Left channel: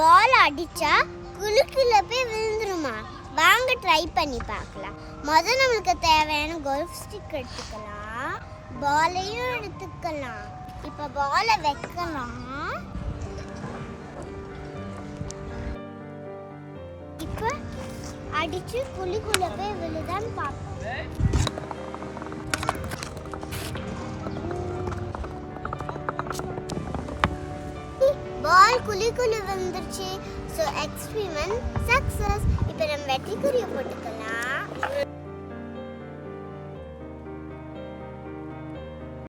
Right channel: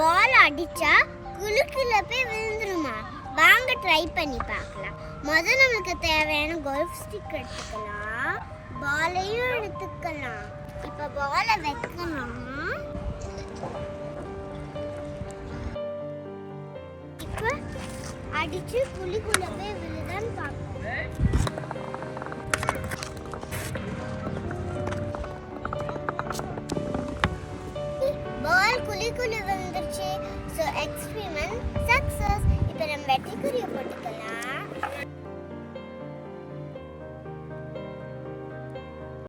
பால் அடிச்சா குலுக்குள்ள போய் விழுந்துருமா? வாங்க ட்ரை பண்ணி பார்க்கலாம். முதல்ல நம்மளுக்கு தேவையான கோல்ஃப் ஸ்டிக் எடுத்துக்கலாம், பாலையும் எடுத்துக்கலாம். இப்போ பாலை வைக்கலாம். இப்போ அடிச்சு குழிக்குள்ள போய் விழுதான்னு பார்ப்போம். பால் குழிக்குள்ள விழுந்துருச்சு. So experiment success. இப்போ நம்ம வெட்டிக்குரிய போட்டுக்கலாம்.